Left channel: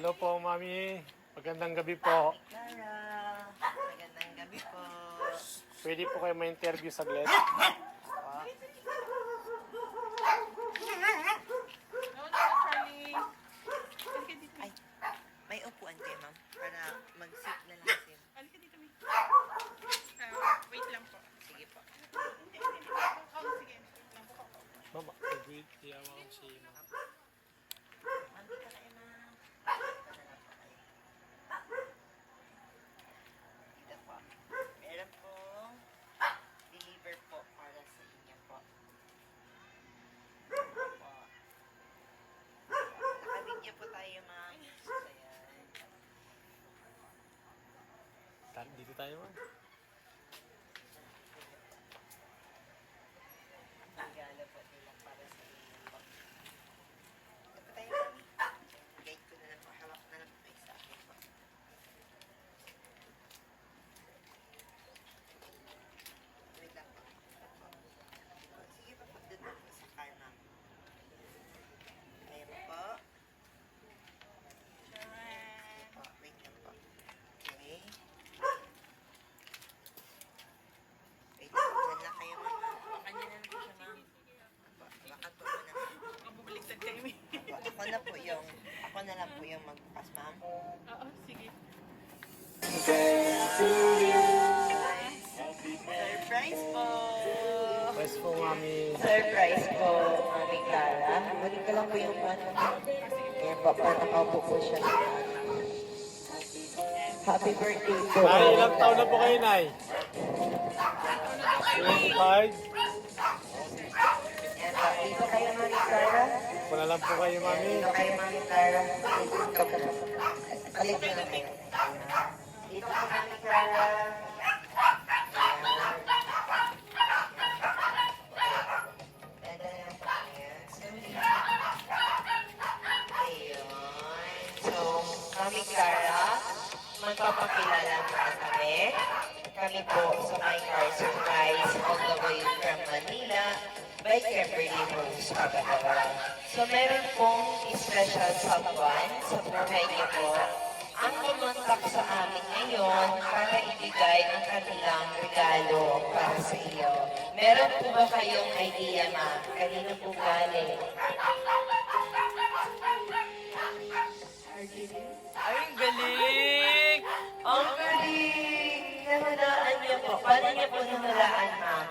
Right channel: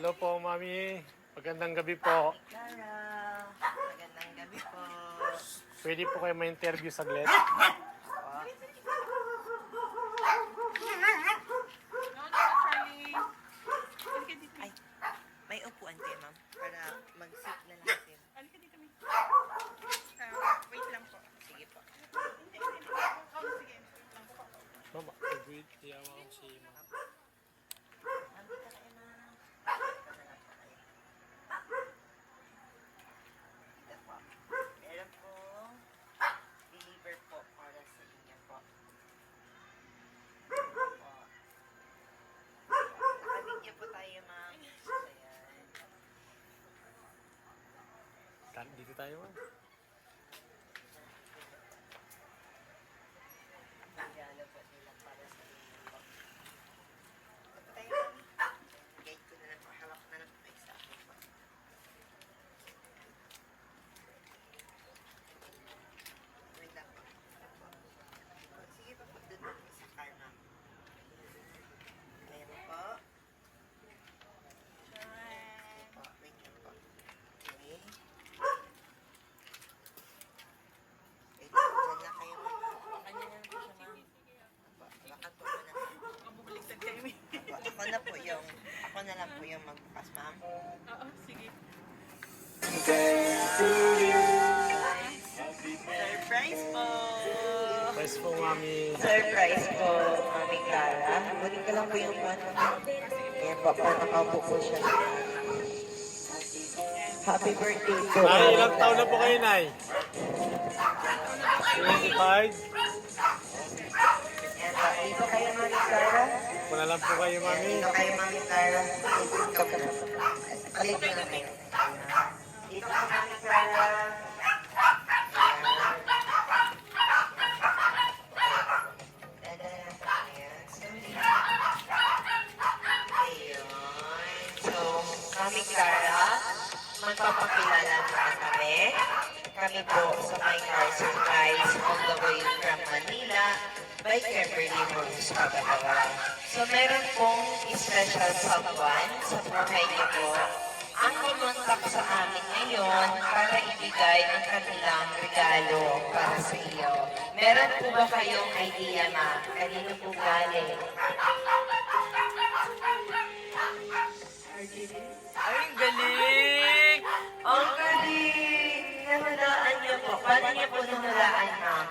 Hello po, Mami. Magandang gabi po. Clara, magandang gabi po. Pwede po kayo ma-interview saglit? No, Charlie. Halika dito. Ay, may upuan kayo, ma'am, para mag-sit na natin. Halika dito, May. Wait lang po. Sige po. Oh, sige. Wait lang po. Mama, wait. Iyawa ko si Mama. Nandito kayo, ma'am. Meron pong deliver po para sa inyo po. Naka-video po tayo, ma'am. Ayan. Dito tayo, Ma'am. Regalo po nila para sa inyo po. Ito tayo, ma'am. Guide ko na lang po. Hawak na lang po kayo sa akin po. Wait lang po. Sige po, pagdun po sa car, ma'am. Ayan po. Po, wait lang po. Okay. Wait lang, dyan na kayo, ma'am. Kanya na po siya, ma'am. Baka po ako na. Makabubliktad ka namin. Ako na po yung, ako na lang po yung magbukas, ma'am. Oo, sige. Surprise po! Surprise po, Mami. Surprise po, Mami Clara. Balik ko lang po yung ano. Ayan po, nakaupo po siya. Happy birthday po. Nay, ilang taon na po kayo, Nay? 25? Ayan po, dito kayo, Mami Clara. Wala lang po kayo, Mami. Dito kayo, Mami Clara. Dito po. Alin ko na kayo. Dito ka, Mami Clara. So, Mami Clara, magpapakilala po kami. Kami po sa My Car Supplies on the way from Manila by Kimberly Rose Pagalawa. So, meron pong special someone sa buhay niyo po ang kumontak sa amin ngayon para ibigay ang kanilang regalo para sa iyo. Meron po ba kayong idea, ma? Kanino po galing? Ay, ang galing! Ang galing! Nawalaan niyo po. Paano niyo po nawalaan, ma'am?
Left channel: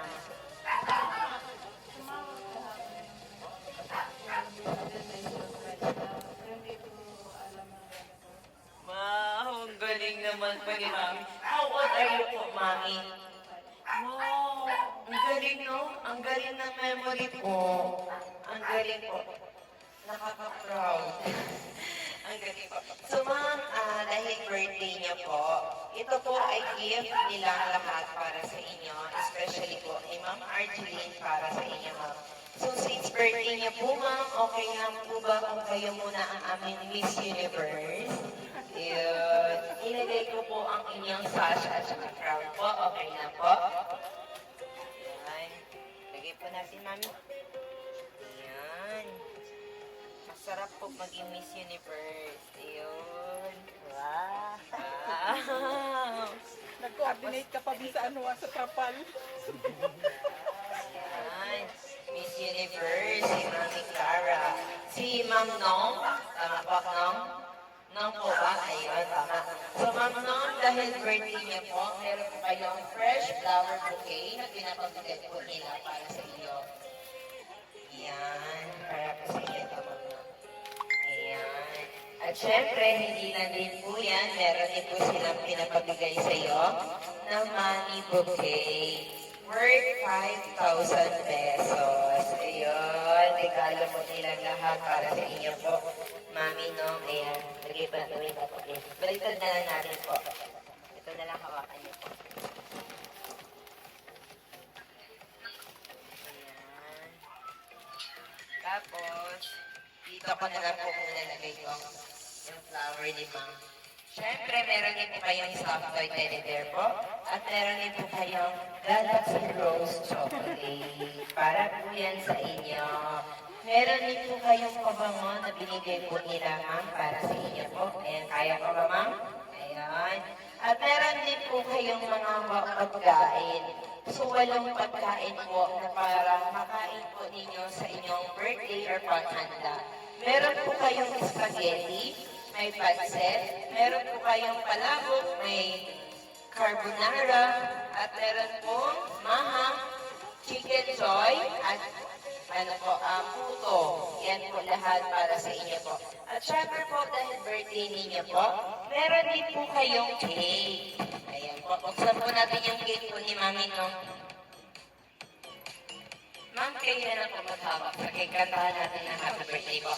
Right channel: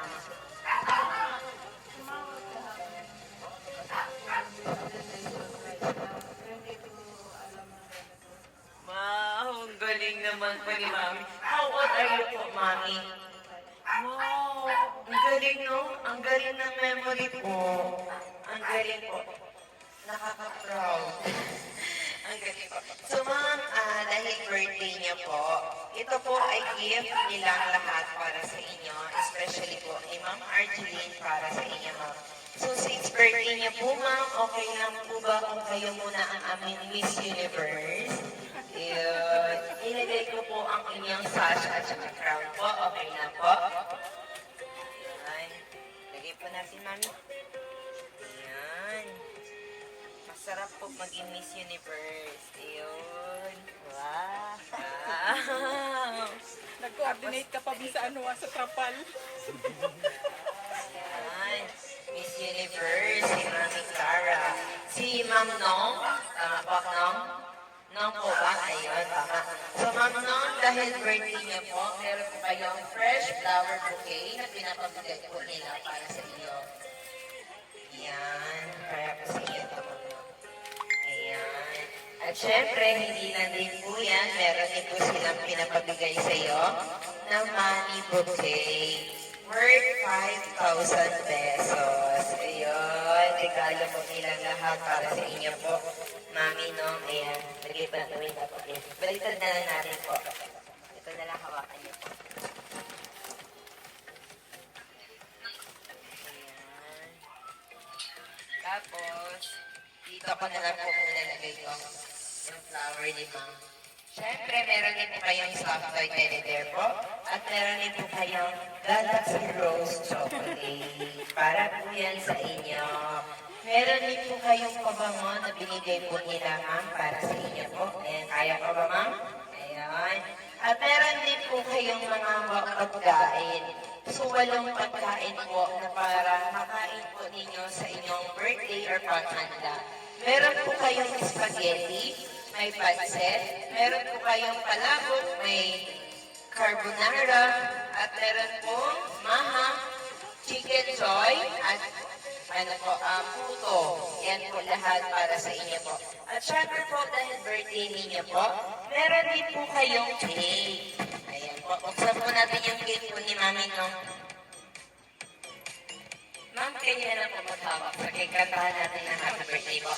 Wow, ang galing naman po ni Mami. How old are you po, Mami? Wow, ang galing, no? Ang galing ng memory po. Ang galing po. Nakaka-proud. Ang galing po. So, ma'am, dahil birthday niyo po, ito po ay gift nilang lahat para sa inyo, especially po ni Ma'am Argeline para sa inyo, ma'am. So, since birthday niyo po, ma'am, okay lang po ba kung kayo muna ang aming Miss Universe? Yun. Ilagay ko po ang inyong sash at saka crown po. Okay na po. Ayan. Lagay po natin, mami. Ayan. Masarap po maging Miss Universe. Ayun. Wow. Wow. Nag-coordinate ka pa din sa ano, sa trapal. Ayan. Miss Universe, si Mami Clara. Si Ma'am Nong. Tama po, Nong? Nong po ba? Ayun, tama. So, Ma'am Nong, dahil birthday niyo po, meron po kayong fresh flower bouquet na pinapabigay po nila para sa iyo. Ayan. Para po sa iyo ito, Ma'am Nong. Ayan. At syempre, hindi na din po yan. Meron din po silang pinapabigay sa iyo ng money bouquet worth 5,000 pesos. Ayun. Regalo po nila lahat para sa inyo po. Mami, no? Ayan. Lagay pa natin na po. Baliktad na lang natin po. Ito na lang hawakan niyo. Ayan. Tapos, dito ko na lang po muna lagay ko yung flower ni Ma'am. Siyempre, meron din po kayong soft toy teddy bear po. At meron din po kayong Galaxy Rose Chocolate. Para po yan sa inyo. Meron din po kayong pabango na binigay po nila, ma'am, para sa inyo po. Ayan, kaya pa ba, ma'am? Ayan. At meron din po kayong mga pagkain. So, walong pagkain po na para makain po ninyo sa inyong birthday or paghanda. Meron po kayong spaghetti, may pancit, meron po kayong palabok, may carbonara, at meron po mahang, chicken joy, at puto. Yan po lahat para sa inyo po. At syempre po, dahil birthday ninyo po, meron din po kayong cake. Ayan po, buksan po natin yung cake po ni Mami, no? Ma'am, kayo na lang po maghawak sa cake. Kantahan natin ang happy birthday po.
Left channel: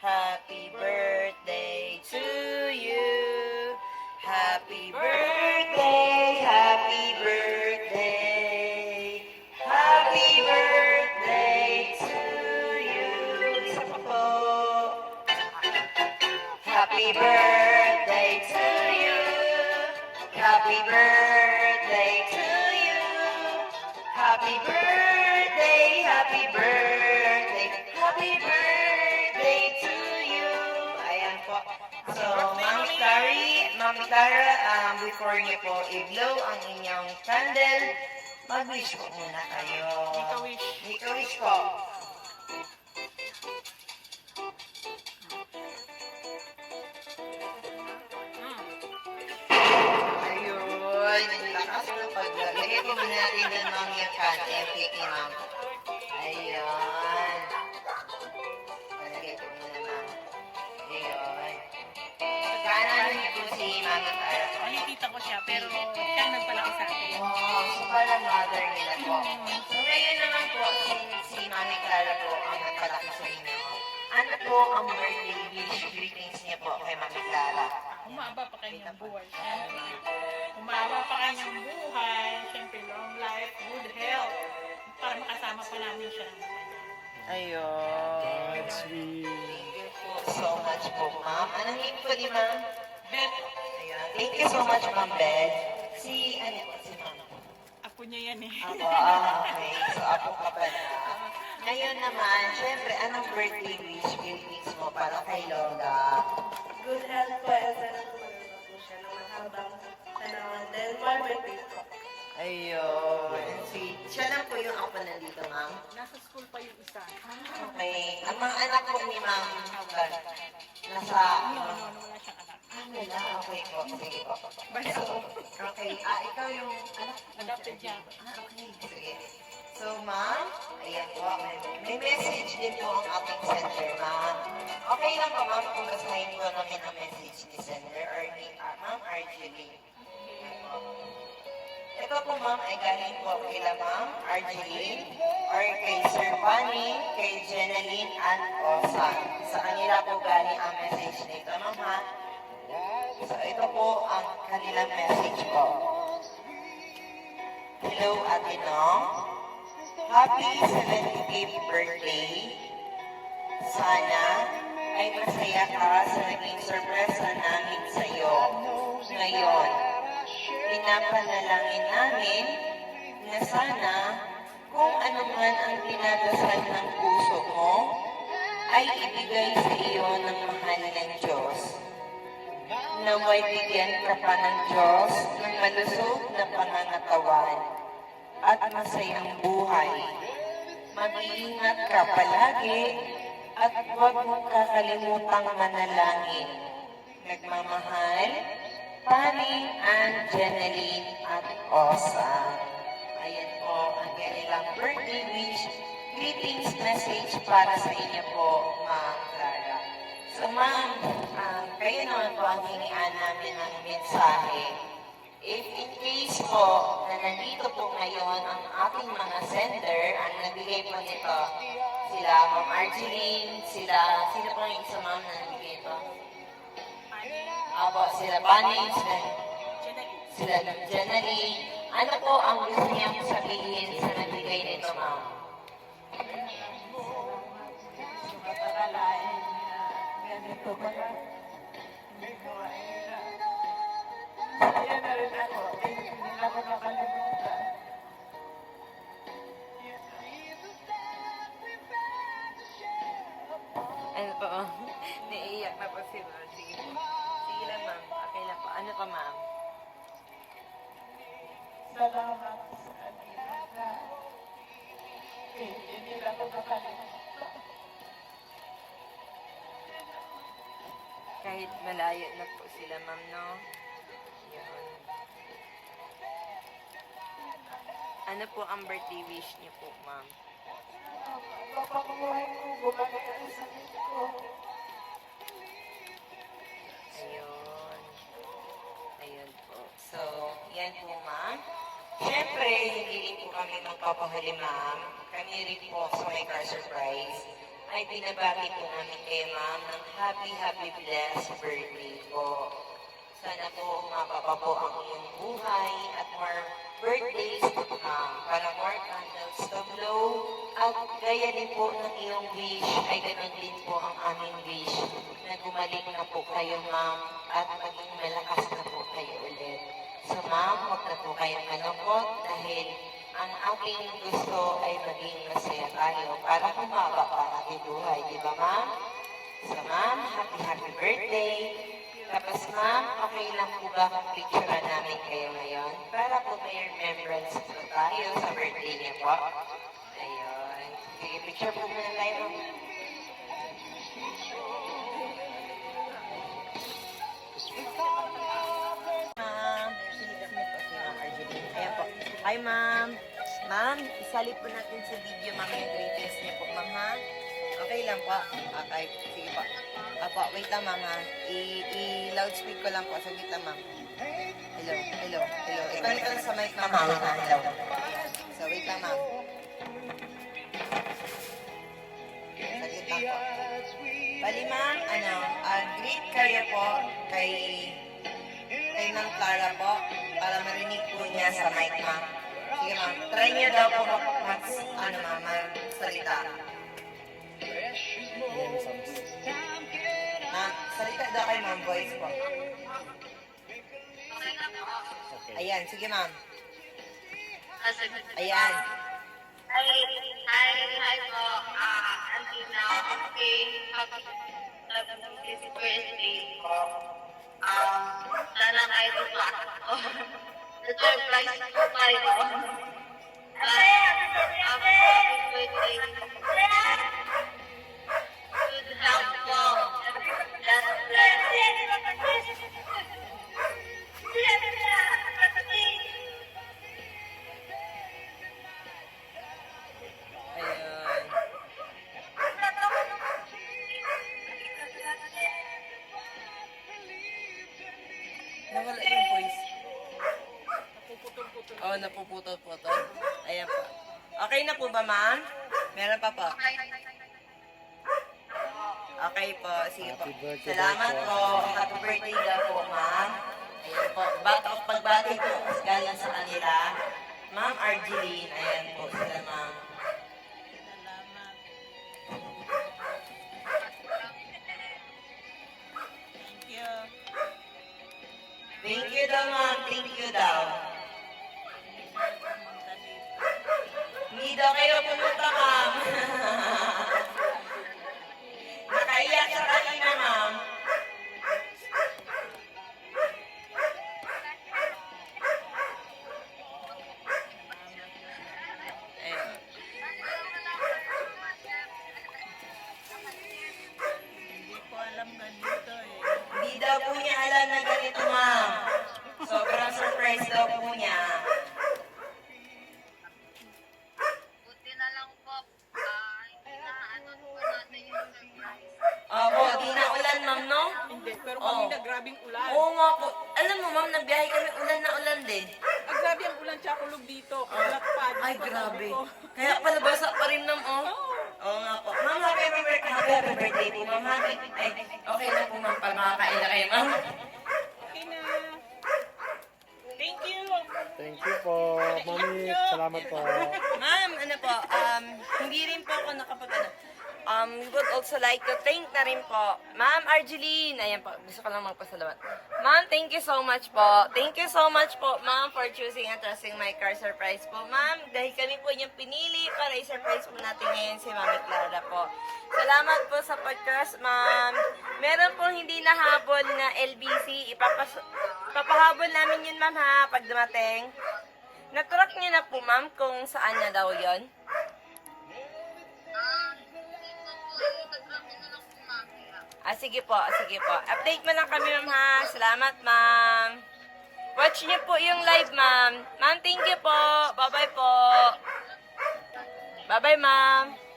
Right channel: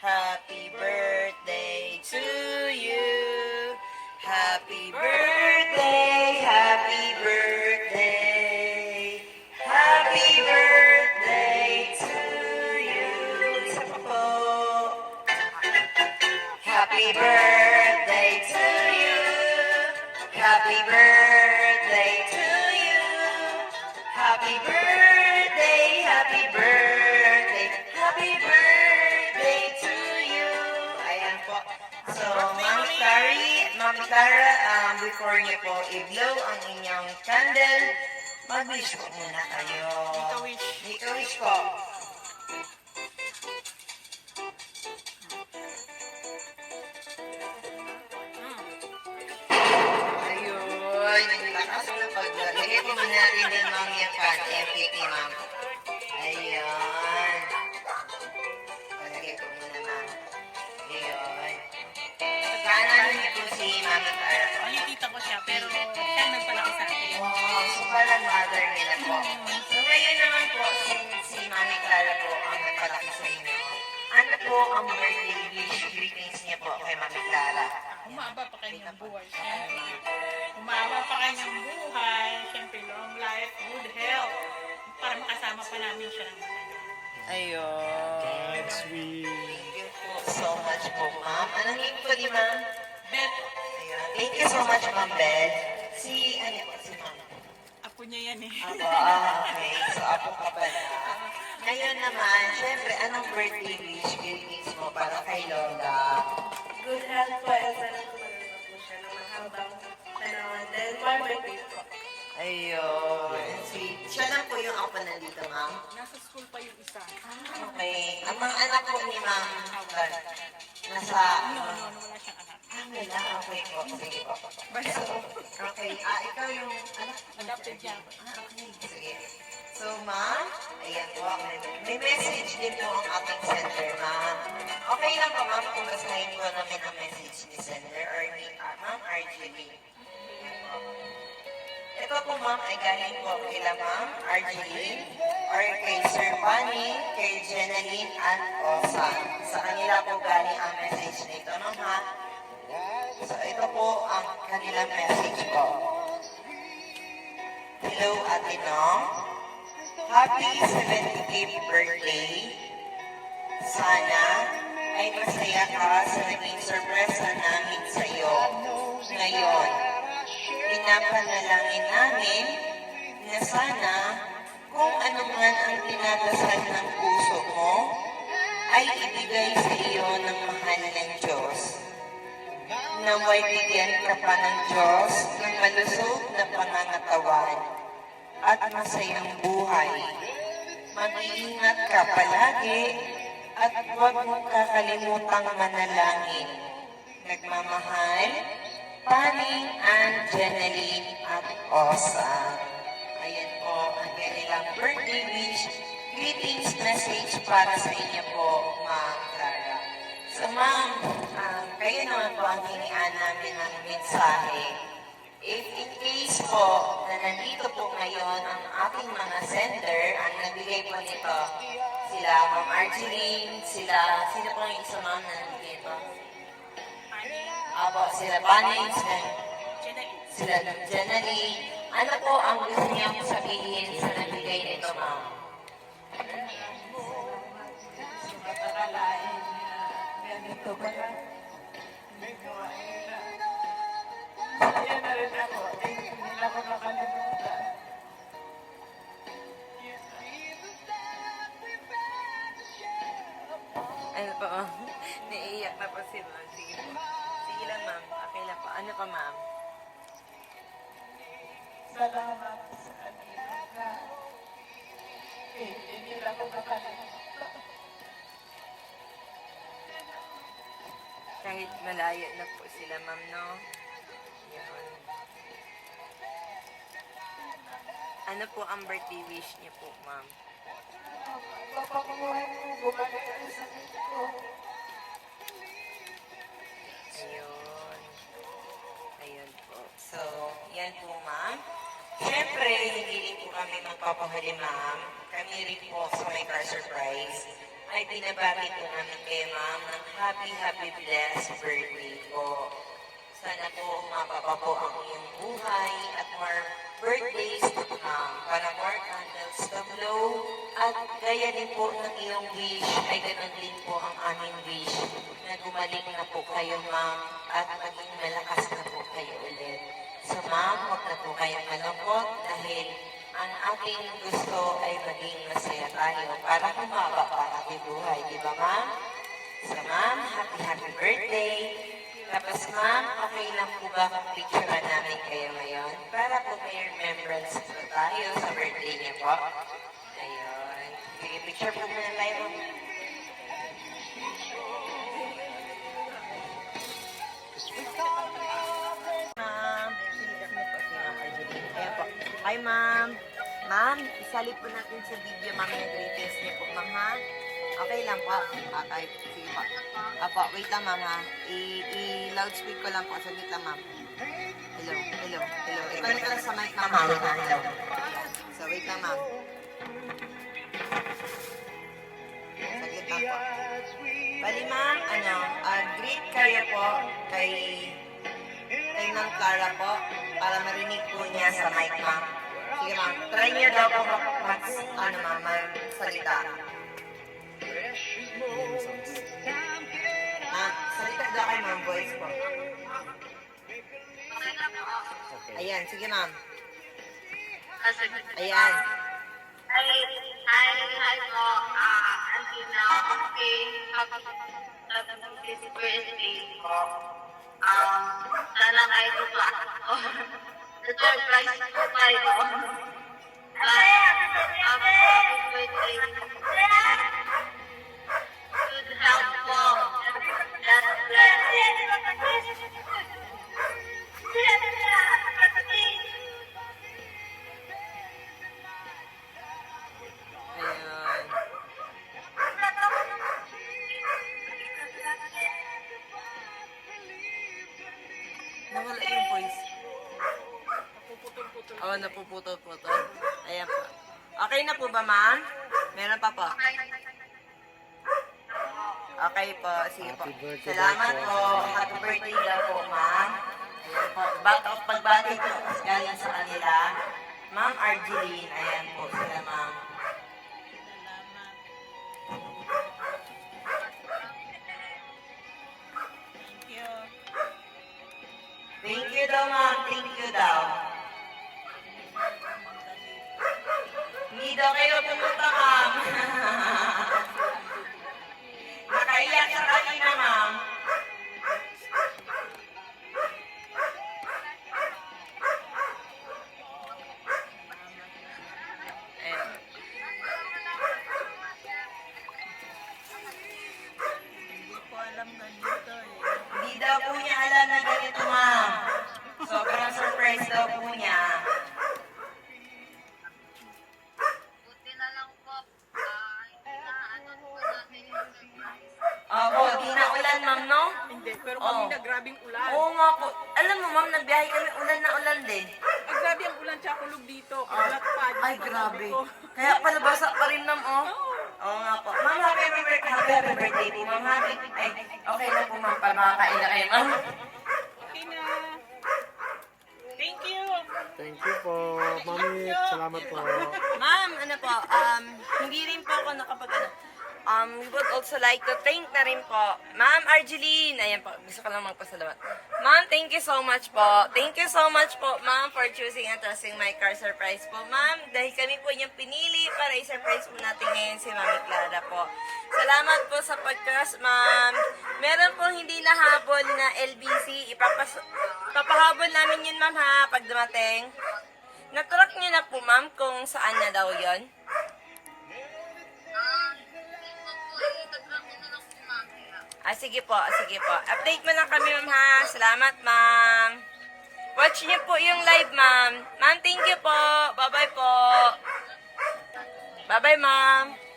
Happy birthday to you. Happy birthday, happy birthday. Happy birthday to you. Isa pa po. Happy birthday to you. Happy birthday to you. Happy birthday, happy birthday. Happy birthday to you. Ayan po. So, Mami Clara, before niyo po i-blow ang inyong candle, mag-wish po muna kayo. Make a wish. Make a wish po. Ayun, ang lakas ng paglagay po muna natin din, Mami, yung FPP, Ma'am. Ayun. Palagay po muna, Ma'am. Ayun. Pagkanamin po si Mami Clara. Nakikita ko siya, pero siyang nagpalaki sa akin. Oo, so parang mother nila po. So ngayon naman po, si Mami Clara po ang napalaki sa inyo. Ano po ang birthday wish greetings niya po kay Mami Clara? Umaba pa kanyang buhay. Siyempre. Umaba pa kanyang buhay. Siyempre, long life, good health. Para makasama pa namin siya. Ayun. Sweet. Thank you po so much po, ma'am. Anong name po ni ma'am? Beth, Ayun. Thank you so much, ma'am Beth. Si, ano po, si ma'am? ako niya yan eh. Ako, okay. So, ako ka pala. Ngayon naman, syempre, anong birthday wish greetings mo para kay Lola? Good health po as well as habang dahil my birthday po. Ayun. Sweet. Siya lang po yung ako nandito, ma'am. Nasa school pa yung isa. Okay. Ang mga anak po ni ma'am, nasa, Wala siyang anak. wala. Okay po. Sige po. Basta, Okay. Ikaw yung anak. adopted niya. Okay. Sige. So, ma'am, ayan po. May message din po ang ating sender, ma'am. Okay lang po, ma'am, kung basahin po namin ang message ni sender or ni ma'am RGB. Ayan po. Ito po, ma'am, ay galing po kay ma'am RGB or kay Sir Fanny, kay Jenaline and Osa. Sa kanila po galing ang message nito, ma'am, ha? So, ito po ang kanilang message po. Hello, Ate Nom. Happy 75th birthday. Sana ay masaya ka sa naging sorpresa namin sa iyo. Ngayon, pinapanalangin namin na sana kung ano man ang pinadasal ng puso mo ay ibigay sa iyo ng mahal ng Diyos. Naway bigyan ka pa ng Diyos ng malusog na pangangatawan at masayang buhay. Mag-iingat ka palagi at huwag mong kakalimutang manalangin. Nagmamahal, Fanny and Jenaline at Osa. Ayan po ang kanilang birthday wish greetings message para sa inyo po, Ma'am Clara. So, Ma'am, kayo naman po ang hinian namin ng mensahe. If in case po na nandito po ngayon ang ating mga sender, ang nagbigay po nito, sila Ma'am Argeline, sino po yung isa, Ma'am, na nagbigay po? Apo, sila Bunny, sila Janali. Ano po ang gusto niya sabihin sa nagbigay nito, ma'am? Ganito ba? Hindi ko Ayan na rin ako. Hindi nila ko makalimutan. Ano po? Naiiyak na po si ma'am. Sige po. Sige lang, ma'am. Okay lang po. Ano po, ma'am? Salamat sa kanila na hindi nila ko makalimutan. Kahit malayo na po sila, ma'am, no? Yun. Ano po ang birthday wish niyo po, ma'am? Napapanguhan mo, bumalik ko sa dito. Ayun. Ayun po. So, yan po, ma'am. Siyempre, hindi rin po kami magpapahuli, ma'am. Kami rin po sa My Car Surprise ay binabati po namin kayo, ma'am, ng happy, blessed birthday po. Sana po umababa po ang iyong buhay at more birthdays to come para more candles to blow. At gaya din po ng iyong wish ay ganun din po ang aming wish na gumaling na po kayo, ma'am, at maging malakas na po kayo ulit. So, ma'am, huwag na po kayong malungkot dahil ang ating gusto ay maging masaya tayo para kumaba pa ang ating buhay. Di ba, ma'am? So, ma'am, happy birthday! Tapos, ma'am, okay lang po ba kung picturean namin kayo ngayon? Para po may remembrance po tayo sa birthday niya po. Ayun. Sige, picture po muna tayo. Ma'am, ayan po. Hi, ma'am. Ma'am, isali po natin sa video, ma'am, yung greatest niyo po, ma'am, ha? Okay lang po. Okay, sige po. Apo, wait lang, ma'am, ha? I-loudspeak ko lang po. Saglit lang, ma'am. Hello. Ikaw lang sa mic, ma'am, ha? Hello. So, wait lang, ma'am. Saglit lang po. Bali, ma'am, greet kayo po kay Ma'am Clara po para marinig po niya sa mic, ma'am. Sige, ma'am. Try niyo daw po ma'am, salita. Ma'am, salita daw kay ma'am, voice po. Ayan, sige, ma'am. Ayan. Hi po. Until now, okay. Happy birthday po. Sana kayo po ako. Na-surprise po kayo. Happy birthday. Good health po. God bless. Ayan. Nawala yung voice. Oh, napuputol-putol. Ayan po. Okay na po ba, ma'am? Meron pa po. Okay po. Sige po. Salamat po. Happy birthday daw po, ma'am. Ayan po. Pagbati po galing sa kanila. Ma'am Argeline. Ayan po sila, ma'am. Thank you daw, ma'am. Thank you daw. Hindi daw kayo pumunta, ma'am. Nakaiyak sa kanina, ma'am. Ayan. Hindi daw po niya alam na ganito, ma'am. Sobrang surprise daw po niya. Buti na lang po. Inaano po natin yung surprise. Opo, di na ulan, ma'am, no? Hindi, pero Oo. kanina grabing ulan. Oo nga po. Alam mo, ma'am, nagbiyahe kami ulan na ulan din. Ay, grabe ang ulan tsaka kulog dito. Kalat pa. Ay, grabe. Kaya pala basa pa rin, ma'am, oh. Oo nga po. Ma'am, happy birthday po, ma'am. Happy. Ay, okay na po, ma'am, para makakain na kayo, ma'am. Salamat po. Ma'am, ano po, hindi rin po ako nakapag we would also like to thank na rin po, Ma'am Argeline. Ayan po, gusto ko lang magpasalamat. Ma'am, thank you so much po. Thank you so much po, Ma'am, for choosing and trusting my car surprise po. Ma'am, dahil kami po yung pinili para i-surprise po natin ngayon si Mami Clara po. Salamat po sa pag-trust, Ma'am. Meron pong hindi nahabol na LBC. Papahabol namin yun, Ma'am, ha, pag dumating. Na-track niyo na po, Ma'am, kung saan na daw yun? Sige po, sige po. Update mo lang kami, Ma'am, ha. Salamat, Ma'am. Watch niyo po yung live, Ma'am. Ma'am, thank you po. Bye-bye po. Bye-bye, Ma'am.